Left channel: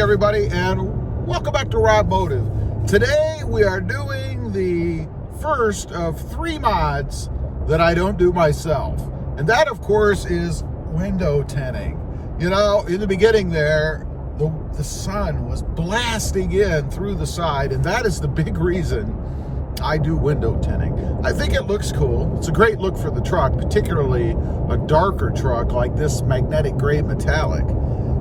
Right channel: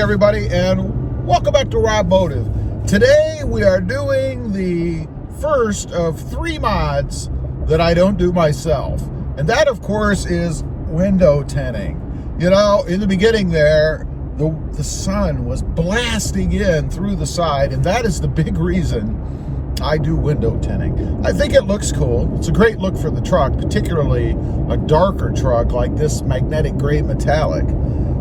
Everybody, and welcome back to Robmotive. Today we are doing the first of 3 mods that I don't do myself, and that of course is window tinting. You know, in the beginning there, the sun was blasting in through the side, and that is the big reason I do window tinting. I think it looks cool. It's a great look for the truck, particularly a darker truck like this magnetic gray metallic.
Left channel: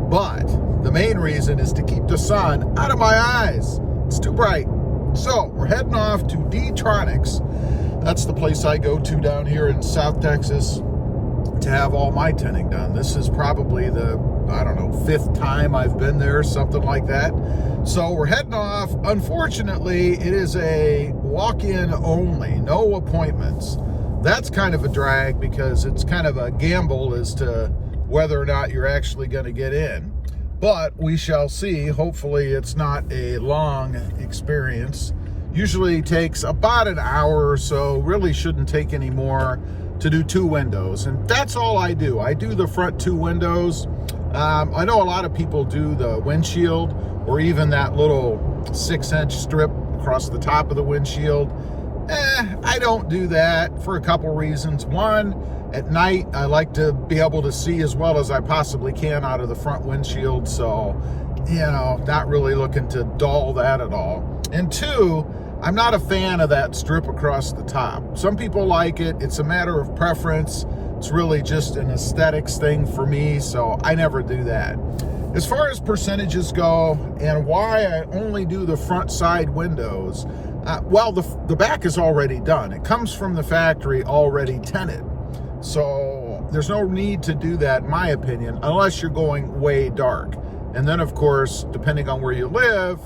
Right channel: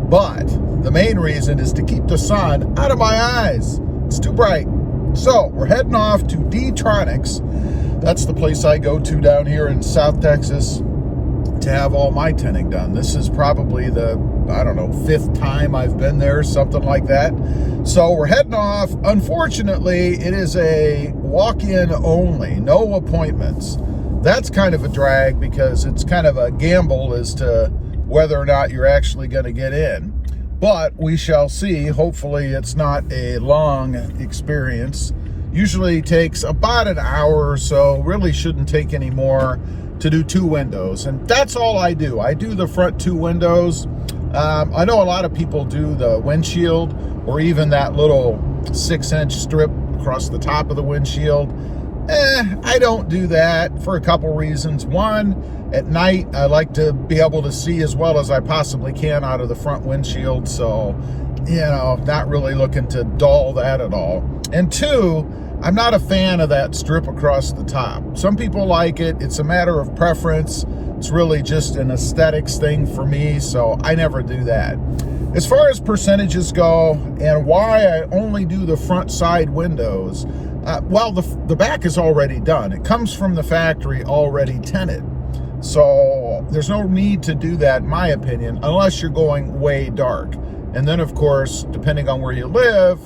But the main reason is to keep the sun out of my eyes. It's too bright. So we're heading off to D-Tronics. That's the place I go to down here in South Texas to have all my tinting done. This is probably the, I don't know, 5th time I've been there, something like that. So we're heading off. Unfortunately, it is a walk-in only, no appointments. That's kind of a drag because it's kind of a gamble as to whether or not you're actually going to get in. But we shall see. Hopefully it's not a long experience. Usually takes about an hour or so. Really shouldn't take any more to do 2 windows. And that's all I do. I do the front 2 windows. I know a lot of people do the windshield or even that little 6-inch strip across the top of the windshield. I don't do that for a couple reasons. One, at night, I like to be able to see as well as I possibly can out of the front windshield. So, you know, not really looking to dull that at all. And 2, I'm not a fan of that strip across the top. Some people like it. It's a matter of preference. It's really just an aesthetics thing for me. So I never do that. As far as percentages go and why I only do the front side windows, well, the back is already done. It comes from the factory already tinted. So there's no need to do that, in my opinion, unless you're going way dark. And then, of course, depending on where you live,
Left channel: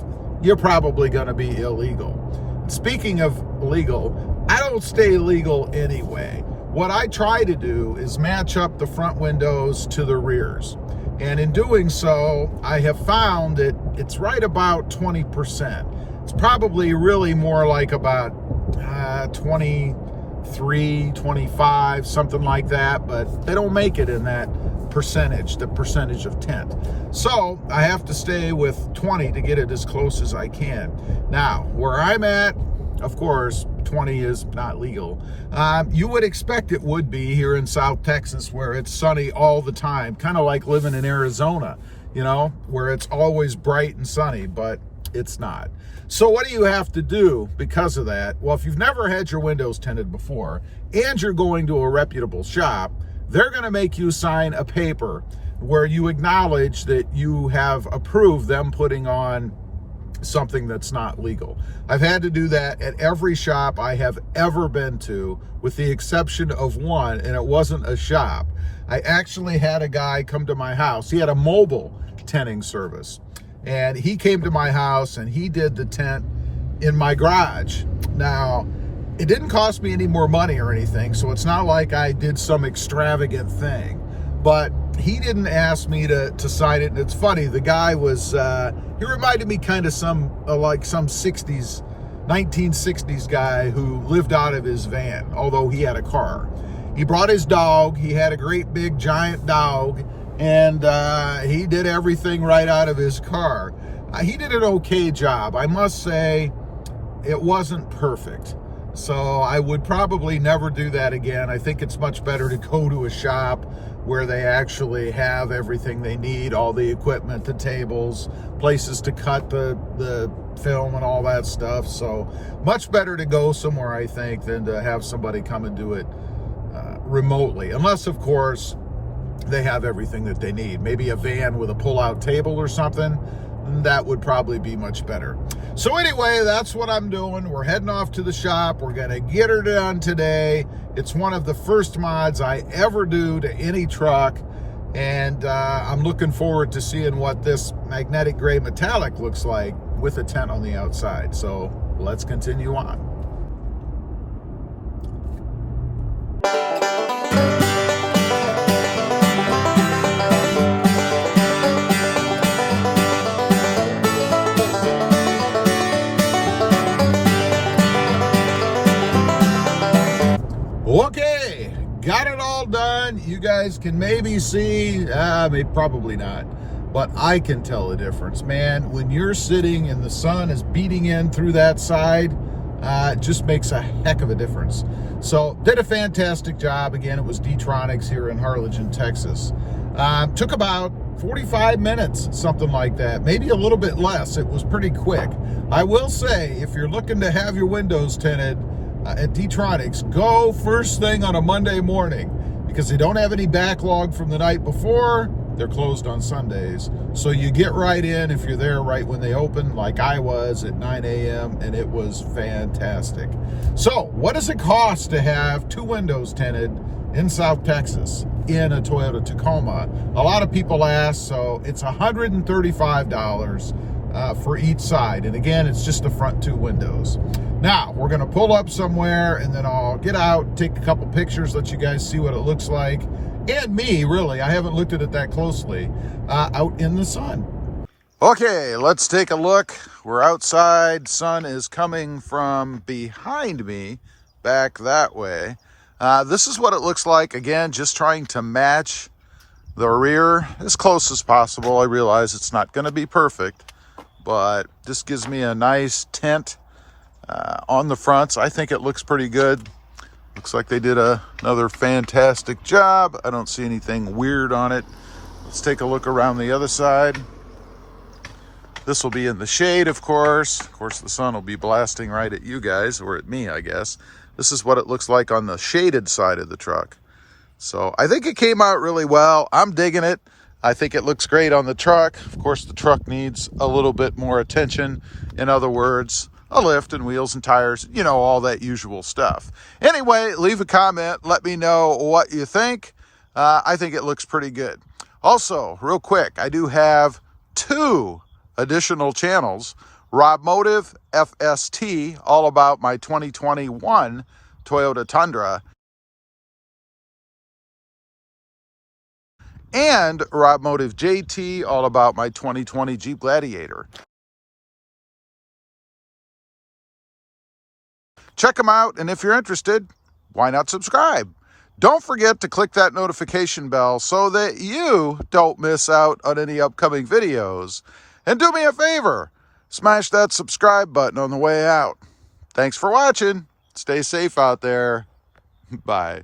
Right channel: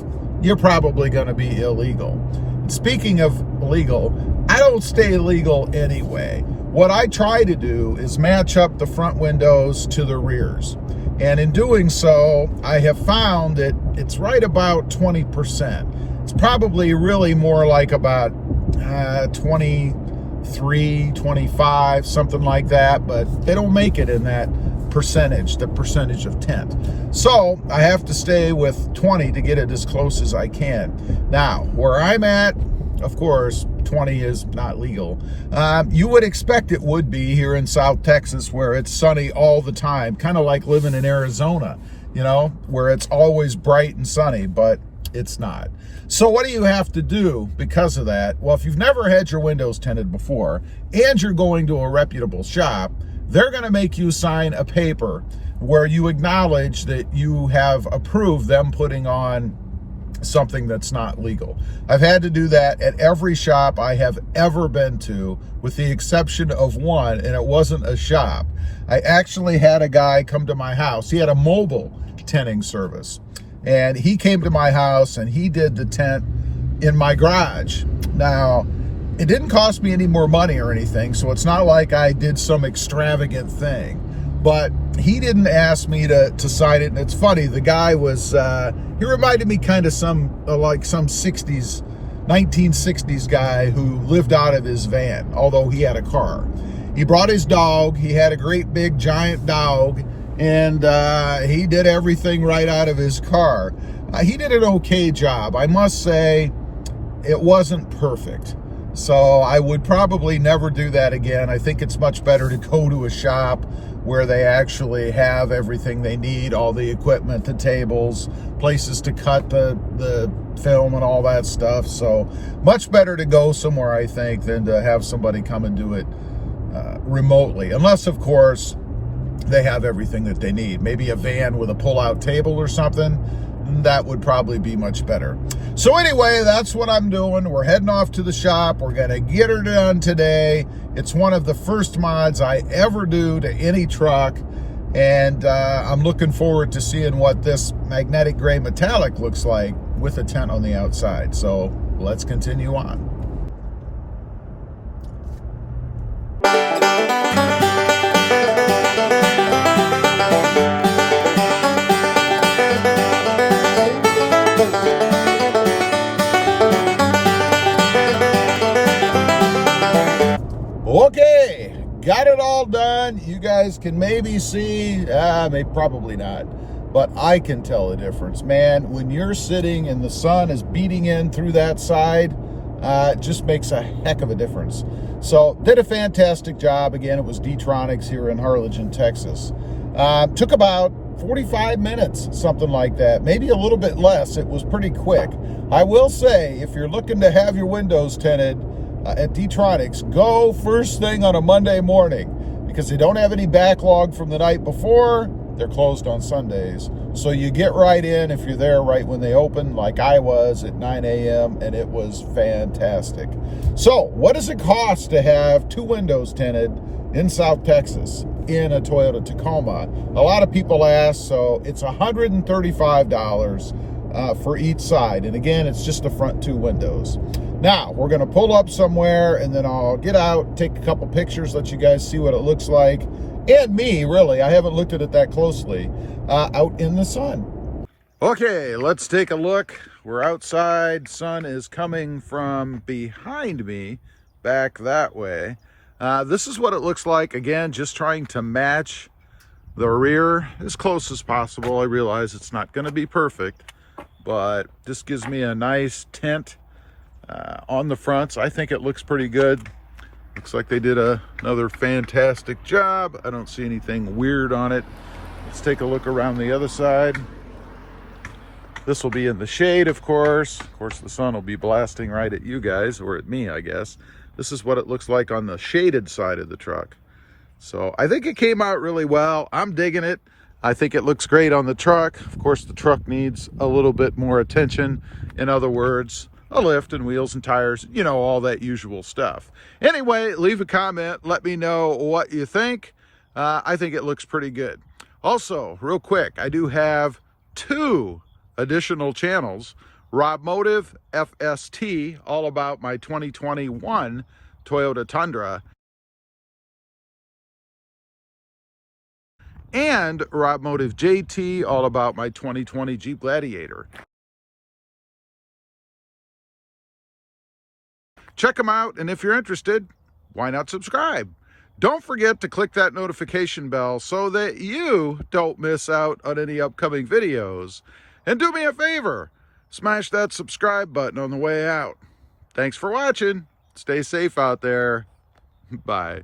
you're probably going to be illegal. And speaking of illegal, I don't stay illegal anyway. What I try to do is match up the front windows to the rears. And in doing so, I have found that it's right about 20%. It's probably really more like about 23, 25, something like that, but they don't make it in that percentage, the percentage of tint. So I have to stay with 20 to get it as close as I can. Now, where I'm at, of course, 20 is not legal. You would expect it would be here in South Texas where it's sunny all the time, kind of like living in Arizona, you know, where it's always bright and sunny, but it's not. So what do you have to do because of that? Well, if you've never had your windows tinted before and you're going to a reputable shop, they're going to make you sign a paper where you acknowledge that you have approved them putting on something that's not legal. I've had to do that at every shop I have ever been to, with the exception of one, and it wasn't a shop. I actually had a guy come to my house. He had a mobile tinting service. And he came to my house and he did the tint in my garage. Now, it didn't cost me any more money or anything, so it's not like I did some extravagant thing. But he didn't ask me to sign it. And it's funny, the guy was, he reminded me kind of like some 1960s guy who lived out of his van, although he had a car. He brought his dog. He had a great big giant dog. And he did everything right out of his car. He did an okay job. I must say, it wasn't perfect. So I would probably never do that again. I think it's much better to go to a shop where they actually have everything they need, all the equipment, the tables, places to cut the film and all that stuff. So much better to go somewhere, I think, than to have somebody come and do it remotely. Unless, of course, they have everything that they need. Maybe a van with a pull-out table or something. That would probably be much better. So anyway, that's what I'm doing. We're heading off to the shop. We're going to get her done today. It's one of the first mods I ever do to any truck. And I'm looking forward to seeing what this magnetic gray metallic looks like with a tent on the outside. So let's continue on. Okay, got it all done. You guys can maybe see, probably not, but I can tell the difference, man. When you're sitting and the sun is beating in through that side, it just makes a heck of a difference. So did a fantastic job. Again, it was D-Tronics here in Harlingen, Texas. Took about 45 minutes, something like that, maybe a little bit less. It was pretty quick. I will say, if you're looking to have your windows tinted at D-Tronics, go first thing on a Monday morning, because they don't have any backlog from the night before. They're closed on Sundays. So you get right in if you're there right when they open, like I was at 9 a.m., and it was fantastic. So what does it cost to have 2 windows tinted in South Texas in a Toyota Tacoma? A lot of people ask, so it's $135 for each side. And again, it's just the front 2 windows. Now, we're gonna pull up somewhere and then I'll get out, take a couple pictures, let you guys see what it looks like. And me, really, I haven't looked at it that closely, out in the sun. Okay, let's take a look. We're outside. Sun is coming from behind me, back that way. This is what it looks like. Again, just trying to match the rear as close as possible. I realize it's not going to be perfect, but this gives me a nice tint on the fronts. I think it looks pretty good. Looks like they did another fantastic job. I don't see anything weird on it. Let's take a look around the other side. This will be in the shade, of course. Of course, the sun will be blasting right at you guys, or at me, I guess. This is what it looks like on the shaded side of the truck. So I think it came out really well. I'm digging it. I think it looks great on the truck. Of course, the truck needs a little bit more attention. In other words, a lift and wheels and tires, you know, all that usual stuff. Anyway, leave a comment. Let me know what you think. I think it looks pretty good. Also, real quick, I do have 2 additional channels. Robmotive FST, all about my 2021 Toyota Tundra. And Robmotive JT, all about my 2020 Jeep Gladiator. Check them out, and if you're interested, why not subscribe? Don't forget to click that notification bell so that you don't miss out on any upcoming videos. And do me a favor, smash that subscribe button on the way out. Thanks for watching. Stay safe out there. Bye.